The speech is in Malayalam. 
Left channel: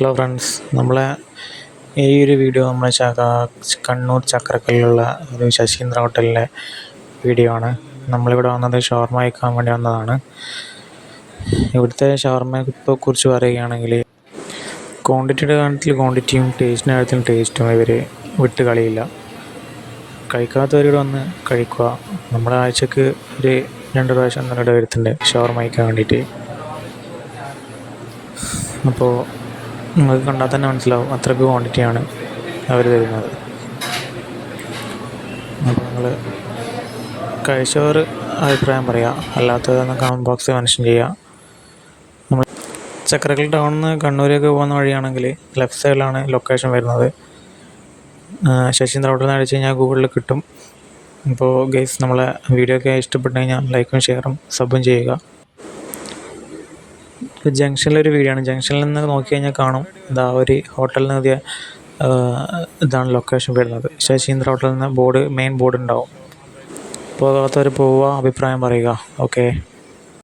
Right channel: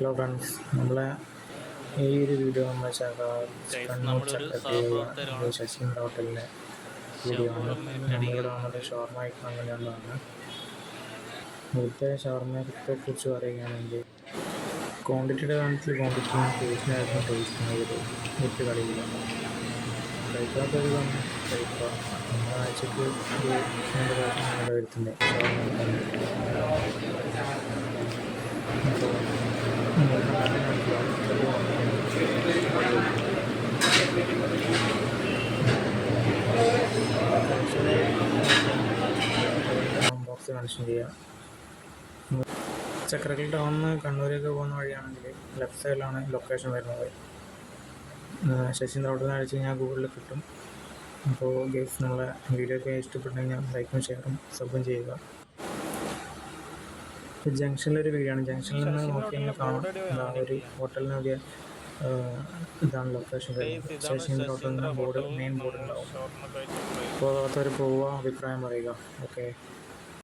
ഹലോ ഫ്രണ്ട്സ്, നമ്മളെ ഈ ഒരു വീഡിയോ നമ്മളെ കണ്ണൂർ ചക്രക്കല്ലിലുള്ള ഒരു ശശീന്ദ്ര ഹോട്ടലിലെ വീഡിയോ ആണ്. നമ്മളിവിടെ വന്നത് ഷവർമ കഴിക്കാൻ വേണ്ടി വന്നതാണ്. ഇവിടുത്തെ ഷവർമയെ കുറിച്ച് പറയുകയാണെങ്കിൽ ക്വാണ്ടിറ്റിയുടെ കാര്യത്തിൽ ക്വാണ്ടിറ്റിയും ടേസ്റ്റിൻ്റെ കാര്യത്തിൽ ടേസ്റ്റും ഇവർ വിട്ട് കളിയില്ല. കഴിക്കാത്തവരോട് വന്ന് കഴിക്കുക. നമ്മുടെ ആഴ്ചക്ക് ഒരു 2 പ്രാവശ്യം ഇവിടെ വരുത്തുന്നുണ്ട് ഷവർമ കഴിക്കാൻ വേണ്ടിയിട്ട്. അപ്പോൾ നിങ്ങൾക്ക് കണ്ടാൽ തന്നെ മനസ്സിലാവും അത്രയ്ക്ക് ക്വാണ്ടിറ്റിയാണ് അവർ തരുന്നത്. അപ്പോൾ നിങ്ങൾ കഴിച്ചവർ അഭിപ്രായം പറയുക, അല്ലാത്തതെന്ന് കമൻറ്റ് ബോക്സിൽ മെൻഷൻ ചെയ്യുക. നമ്മൾ ചക്രക്കൽ ടൗണിൽ നിന്ന് കണ്ണൂരേക്ക് പോകുന്ന വഴിയാണെങ്കിൽ ലെഫ്റ്റ് സൈഡിലാണ് ലൊക്കേഷൻ വരുന്നത്. ശശീന്ദ്ര ഹോട്ടൽ എന്ന് അടിച്ച് കഴിഞ്ഞാൽ ഗൂഗിളിൽ കിട്ടും. അപ്പോൾ ഗൈസ്, നമ്മളെ വീഡിയോ ഒക്കെ ഇഷ്ടപ്പെട്ടു കഴിഞ്ഞാൽ ലൈക്കും ഷെയറും സബും ചെയ്യുക. ജംഗ്ഷനിലൊരു വീഡിയോ ആണ്. ജംഗ്ഷനിൽ നിന്ന് നോക്കി കഴിഞ്ഞാൽ കാണും, ഇതാ ഒരു ഹോട്ടലിന് എഴുതിയ ഇതാണ് ലൊക്കേഷൻ വരുന്നത്. ശശീന്ദ്ര ഹോട്ടലിൽ നിന്ന് മെയിൻ ബോർഡ് ഉണ്ടാവും. പോകാത്തവർ പോവുക, അഭിപ്രായം പറയുക. ഓക്കെ.